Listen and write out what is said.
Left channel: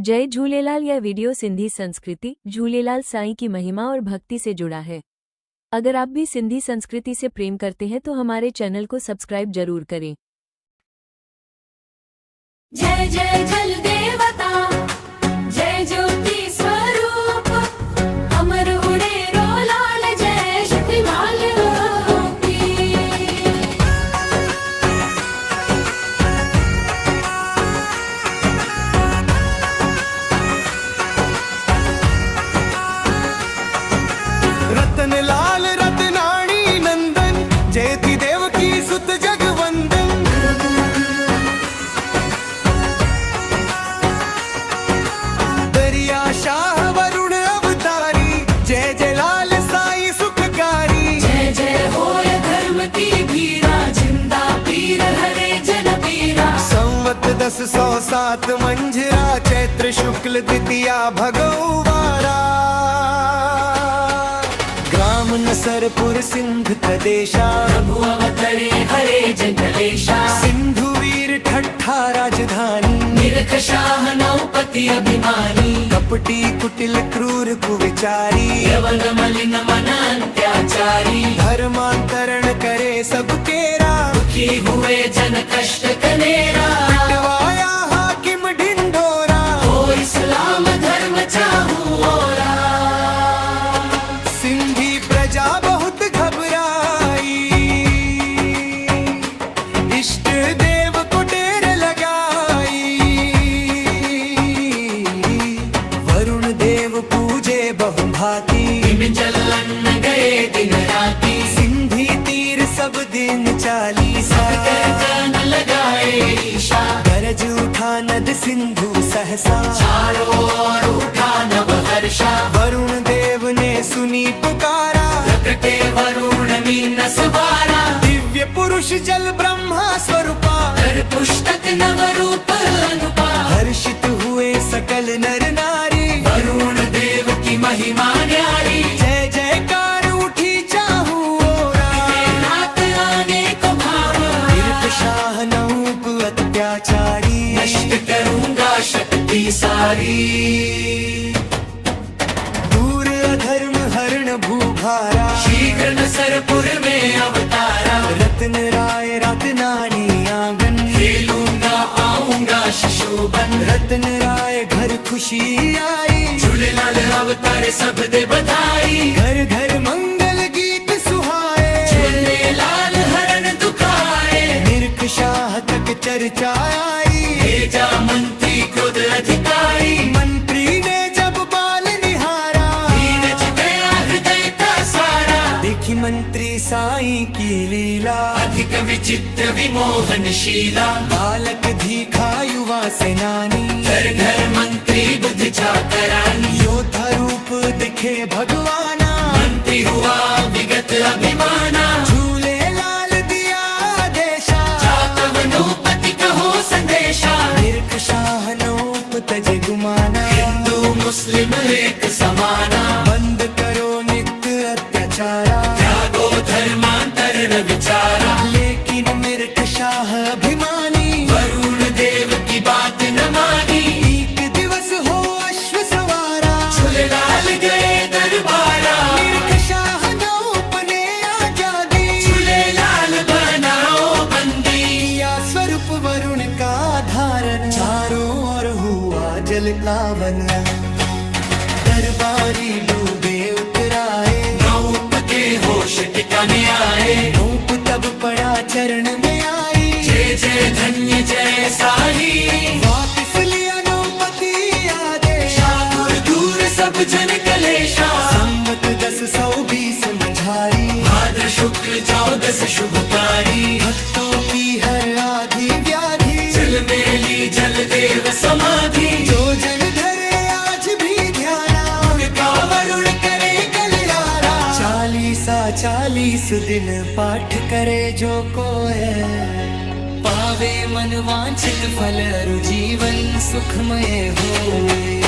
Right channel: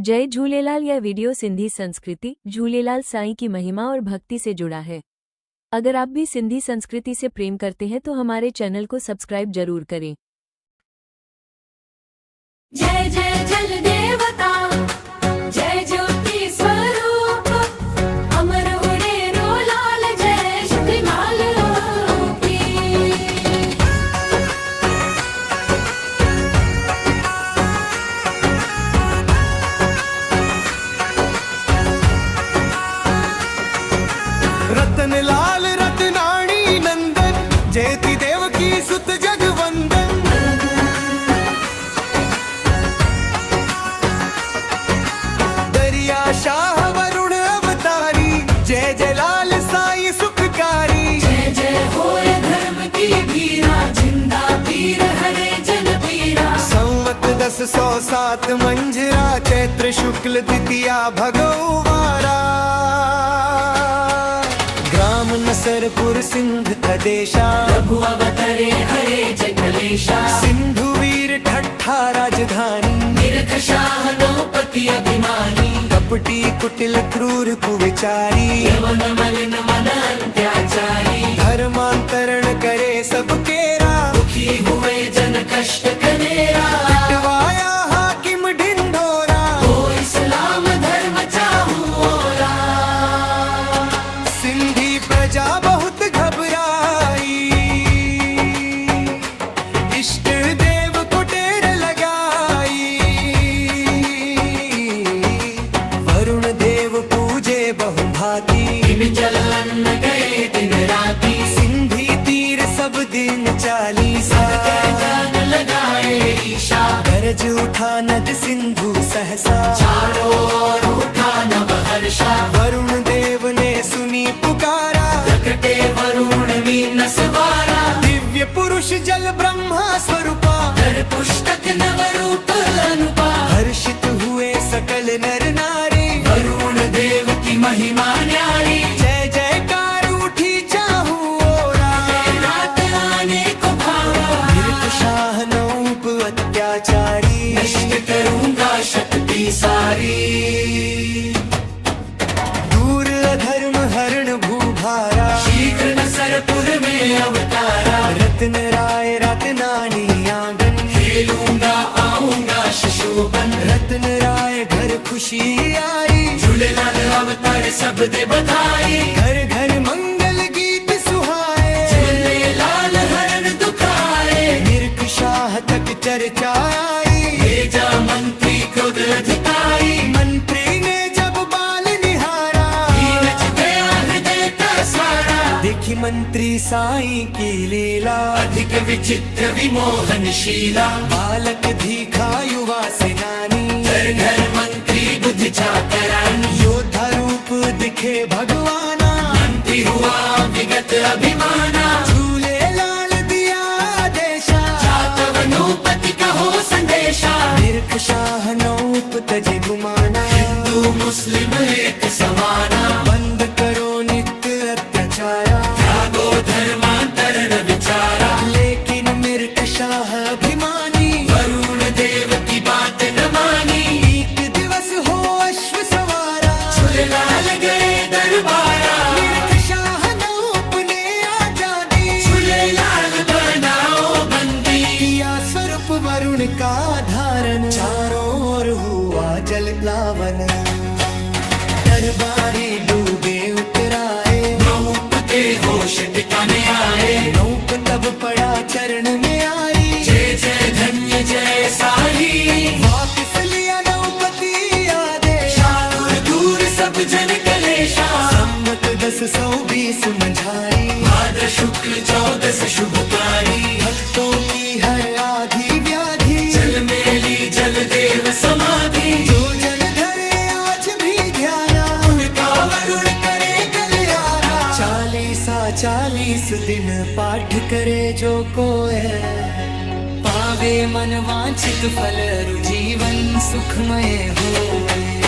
जय झूलेलाल। यह वीडियो सिंधी संस्कृति, झूलेलाल साईं की महिमा और भक्ति से जुड़ा है। अगर आप भी सिंधी संस्कृति से प्रेम करते हैं तो हमारे चैनल को सब्सक्राइब जरूर करें। जय जय जल देवता, जय ज्योति स्वरूप, अमर उड़े रो लाल, जय शक्तिमाल की। रतन लाल रतनाणी नंदन, जयति देव की सुत जगवंदन। दरिया शाह वरुण अवतारी, जय जय लाल साईं सुखकारी। जय जय होय धर्म की भीरा, जिंदा पीर हरे जन पीरा। संवत 1007 मंझरा, चैत्र शुक्ल द्वितीया भगवारा। ग्राम नसरपुर सिंध थदेशा, प्रभु अवतरे हरे जंगलेशा। सिंधु वीर ठट्ठा राजधानी, तीर्थ शाह नौपति अभिमानी। कपटी कुटिल क्रूर कुविचारी, यवन मलिन मन अंत्याचारी। धर्मांतरण करे सबके राम, दुखी हुए जन कष्ट कनेरा। पिटवाया हाकिम ढिंढोरा, ओ इस्लाम धर्म चाहूं ओरा। सिंधी प्रजा बहुत घबराई, इष्ट देव को टेर लगाई। वरुण देव पूजे बहुभांति, जलन गए दिन राती। सिंधी तीर सब दिन चालीसा। जान लगाए ईशा, गरज उठा नद सिंधु सहसा। चारों ओर उठा नव हर्षा। वरुण देव ने सुनी पुकारा, कटे वरुण मीन सवारा। दिव्य पुरुष जल ब्रह्मा स्वरूपा। कर पुस्तक नव रूप अनुपा। हर्षित हुए सकल नर नारी, वरुण देव की महिमा न्यारी। जय जयकार उठी चाहू ओरा। रात आने को भावा, तीर्थ शाह नौप अत्याचारी। नष्ट करूंगा शक्ति सारी। दूर अधर्म हरण भूभारा, शीघ्र नसरपुर में अवतारा। रत्न राय रत्नानी आंगन, खेलूंगा आऊंगा शिशुबन। रत्न राय घर खुशी आई। झूलेलाल अवतारे सब दे बधाई। घर घर मंगल गीत सुहाए। झूलेलाल हरण दुखाए। निरख शाह तक चर्चा आई। भेजा मंत्री क्रोध अधिकारी। मंत्री ने जब बाल निहारा, नीरज गया हृदय का सारा। देखी मंत्री साईं की लीला। अधिक विचित्र विमोहनशीला। बालक धीखा युवा सेनानी, घर घर मंत्री बुद्धि चाकरानी। योद्धा रूप दिखे भगवाना। मंत्री हुआ विगत अभिमाना। झूले लाल दिया आदेशा, जातव नौपति कहो संदेशा। निरख शाह नौप तजे गुमाना। हिंदू मुस्लिम एक समाना। बंद करो नित्य अत्याचारा। त्यागो धर्मांतरण विचारा। लेकिन मिर्ख शाह अभिमानी, वरुण देव की बात न मानी। एक दिवस हो अश्व सवारा। झूलेलाल गए दरबारा। मिर्ख शाह नौप ने आजादी। झूलेलाल बनाओ बंदी। किया स्वरूप वरुण का धारण। चारों ओर हुआ जल लावन, दरबारी डूबे उतराए। नौप के होश ठिकाने आए। नौप तब पड़ा चरण में आई। जय जय धन्य जय साई। वापिस लिया नौपति आदेश। दूर दूर सब जन कलेशा। संवत 1020 मंझारी। भाद्र शुक्ल 14 शुभकारी। भक्तों की हर आधी व्याधि। जल में ली जल देव समाधि। जो जन धरे आज भी ध्याना, उनका वरुण करे कल्यारा। 40 दिन पाठ करे जो कोय। पावे मन वांछित फल, अरु जीवन सुखमय होए।